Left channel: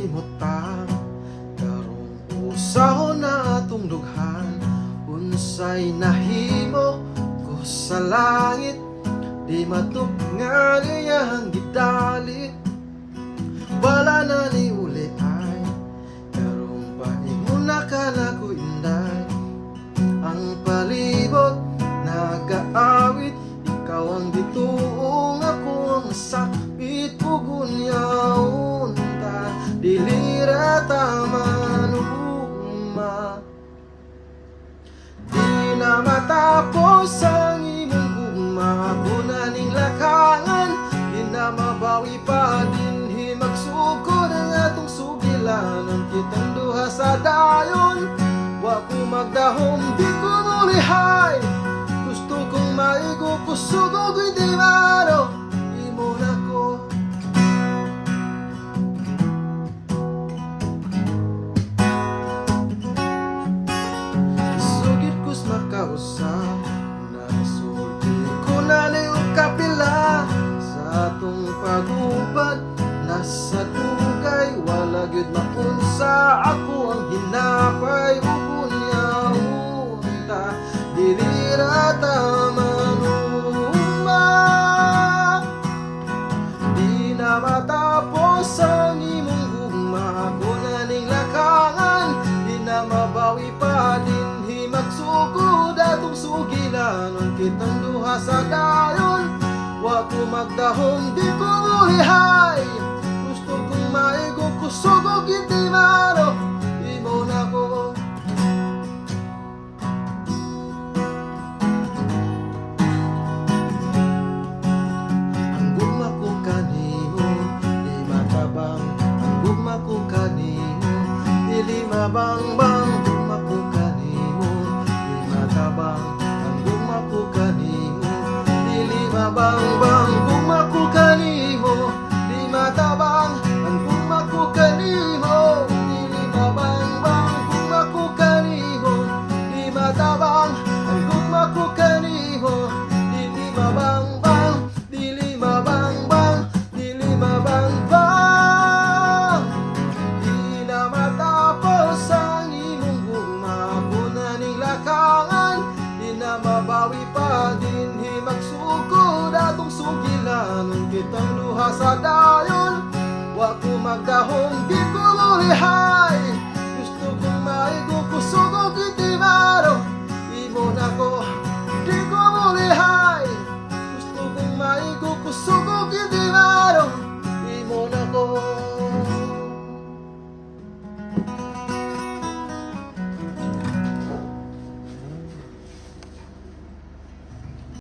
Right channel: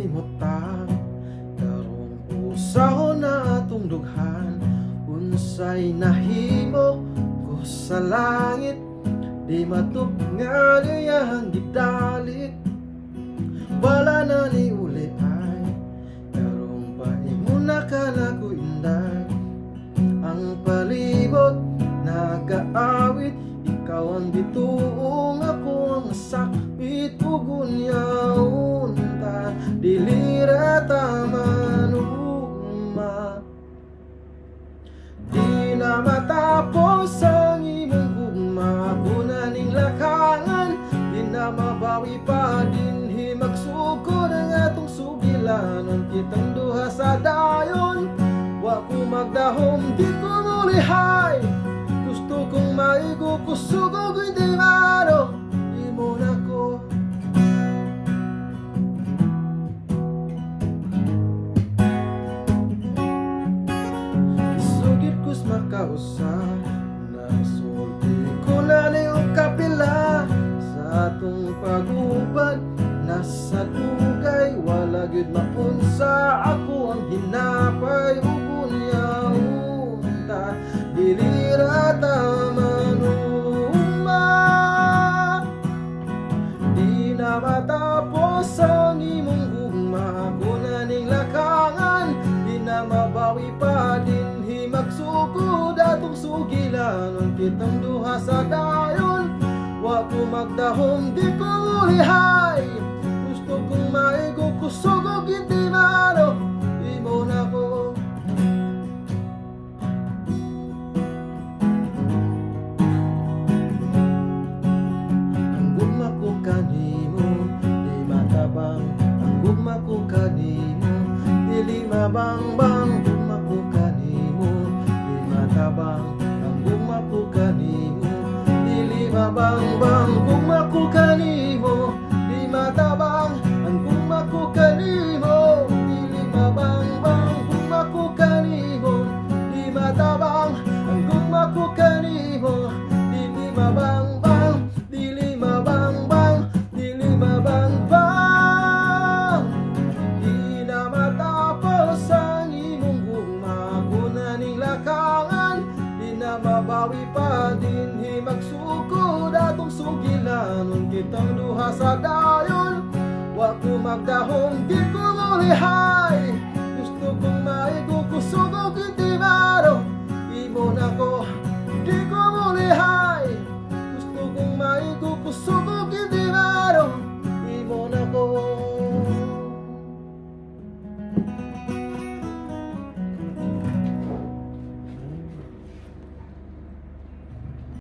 makahimutang karong usahon na atong dughan. Unsay nahimo ko sa langit, di matupngan iyang gidalit. Wala na ni uli ay karong pahimuna ka na ko inday. Ang palibot nagaawit, ikaw ang gituong, ako ang sakit ug unyaon ta. Dili ra ta manugma, di na matapos ang imong ugma. Kuna ning lakangan, di na mabawi pa dinhi magsugod ang atong sugilanon. Kitang duha sa dayon, wa ko magdahom, di ko mulihay. Gusto kong maigo, kusugog hindi maro, imo na ko. Sugit ko's makausap, nasulti ko na niyong kapila. Sa atong pag-ubad, nasa tugay, wala gyud maunsa. Ako ang hinapay ug unyaon ta. Dili ra ta manugma, di na matapos ang imong ugma. Kuna ning lakangan, di na mabawi pa dinhi magsugod atong sugilanon. Kitang duha sa dayon, wa ko magdahom, di ko mulihay. Gusto kong maigo, kusugog hindi maro, imo na ko. Ang gugma ko kanimo, di matabang. Ang gugma ko kanimo, dili mabangbang. Gugma ko kanimo, di matabang. Ang gugma ko kanimo, dili mabangbang.